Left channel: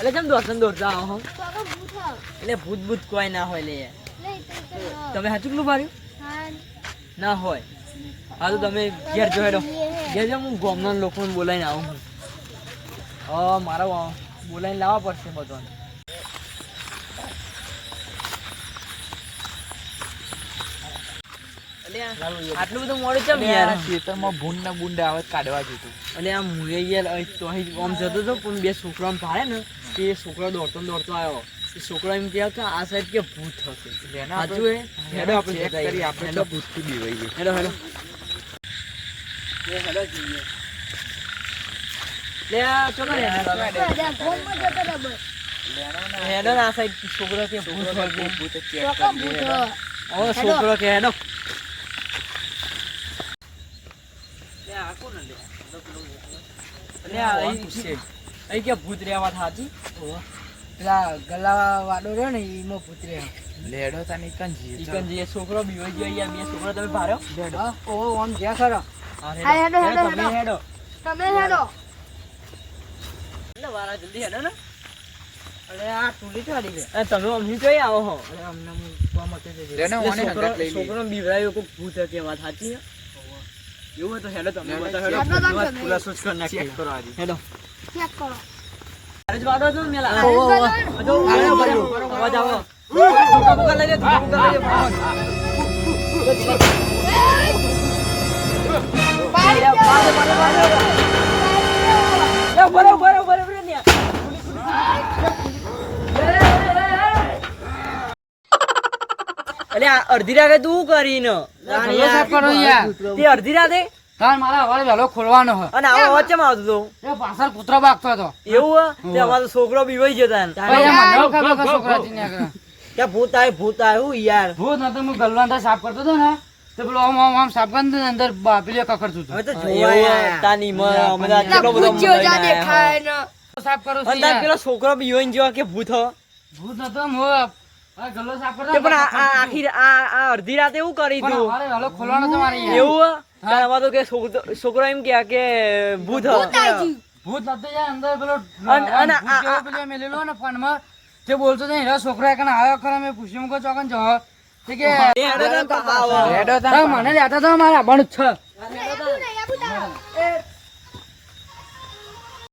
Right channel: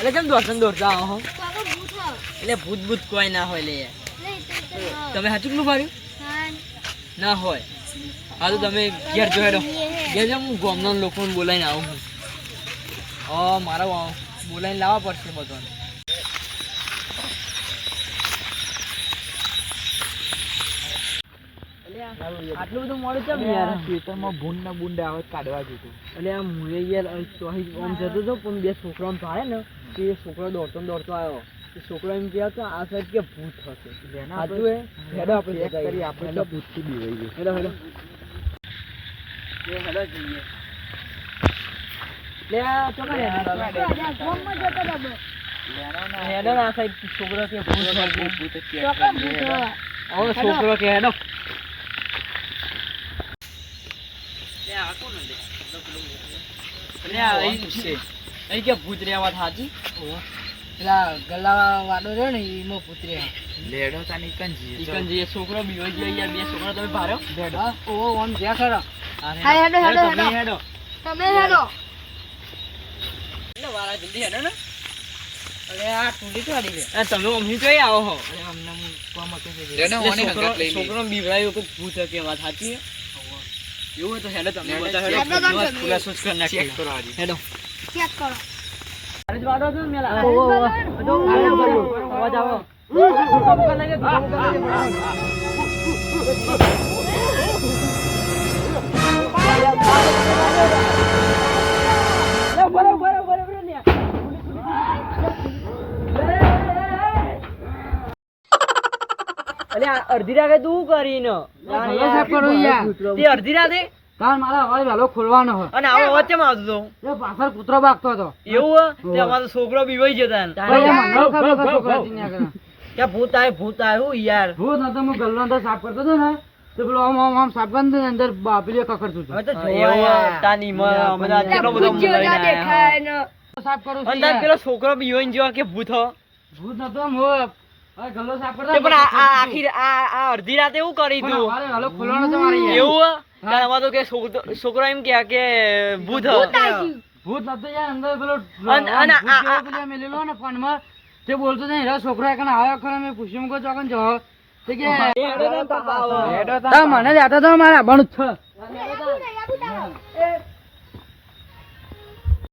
એટલે કેમ દોડતા દોડતા આવો હો? કાકા ભૂત હ. એટલે ભૂત ભૂત કોઈ ના હોય લે યાર. નહીં તો તમે હાચું નું માર્યું હા ના હોય. હા તો તમે ઘેર જો હેડો. ઘેર જાઓ, હું ગામના લોકોને બોલાવીને આવું હું. મારા બોલાવીને લાવવા પડશે બધાને. આટલું બધું મોડું ચમ યાર? ખેતરમાં ભૂંડ ને બુંડ આવે કાઢવા જતું. અને આમ મુએ યાર અહીં આમ જતો હતો પણ બે છોકરા ભાડે ને તે છોકરો દોડતો દોડતો આવ્યો. એ છોકરો એમ કહે કે આ સાઈડ કે ભૂત હશે. સાચું હે? હેડો આપણે ચેક જતા કરી આવીએ. આપણે તો ભૂતથી બીવાઈએ. હેડો હેડો હેડો જઈએ. લે આ ચોકા હેડો હેડો ના સાઈડ છોકરો કે ભૂત હોય ભૂત ચેક ચોકા કરી ભૂત હ. ઓ છોકરો કે હેડો. લે આ કોણ લે? લે આ અહીં કે ભૂત રહ્યા વાત સાચી. પેલા ગલા વાડો રહ્યો ને એમાં ભૂત રહ્યા. લેડો તાની કંજી ચિકન જે છોકરો બીવો ગયો યાર, બે છોકરા તમે ભાર્યો. લેડો. ઓ આમ જ્યાં ખરા. હા હા, હેડો, હેડો, તમે હેડો. તમે હેડો. એટલે વાળા જલ્દી હેડો ને. અરે આ ટુલી તો આડી રે. એ તમે અમને કઈ આવો હો? અરે અમને હું કોમ હતો તે એટલે લેનો ઓની હંગાત લઈ લે. છોકરો બીવરાયો કે ભૂત કે વાત સાચી હે? એવું હોય તો હેડો તમે હેડો, બધા હેડો, હેડો. તમે. બસ ખુલાસો જ કરી નાખીએ. ચેક કરો આજી. હેડો. ચેક કરો. અરે જ વાડો છો ને મેલા. ઓ, ઓ, ઓ. બધો બરાબર અવાજ આવો. ધોકા બોકા લઈ લે, ધોકા બોકા લઈ લે. બરાબર ને. અલે આ અડધી રાતે તું કરીને ભલો સાફ કરો યાર. તે અડધી રાતે તાર મારા હવારે વહેલો ખોલવાનો હો. અને આવો અવાજ કેમ આવતો હતો? એ પાછળ કૂતરો ભાગતો હતો. એવું હે? તે અમારો છોકરો બીવાઈ જતા ને. ભાઈ આ મને ખબર કે છોકરા થી નીકળે. કે ભૂત આવ્યું યાર. ભૂત નતો હું ગલવાન તો સાફ કરતો હતો ને તે પેલો આમ આમ આમ સાફ કરીને અંદર બાપલીએ કકડતું હતું. એવું તાની મને કેટલો બધો ભૂત જેવો જ દેખાય ને. સાફ કરો છો અને તાર યાર. પેલો છોકરો બીવાઈ ગયો કે ભૂત હો. ભૂત નતો હું આ ગલ્લો સાફ કરતો તે હતો, પણ કકડતું હતું. આખી આ અડધી રાતે એવું કરી પણ તું? હવારે વહેલો ખોલવાનો તો મારે યાર. એવું હે? તાર આમાં તો કે છોકરો એમ કે ભૂત હો. ભૂત નતો યાર અંદર પેલો અને ભૂત જેવો પેલો મેલેલો ને ફોનમાં તે બોલતો નહીં હેરા છોકરો એકને આવ્યો ખરા મેં પૂછ્યું કો ચોકન જો તે કે એ હેડો ને તો આવો. મને જાતા તો મારા આવવાનું જ છે. આબુ નહીં, આબુ નહીં.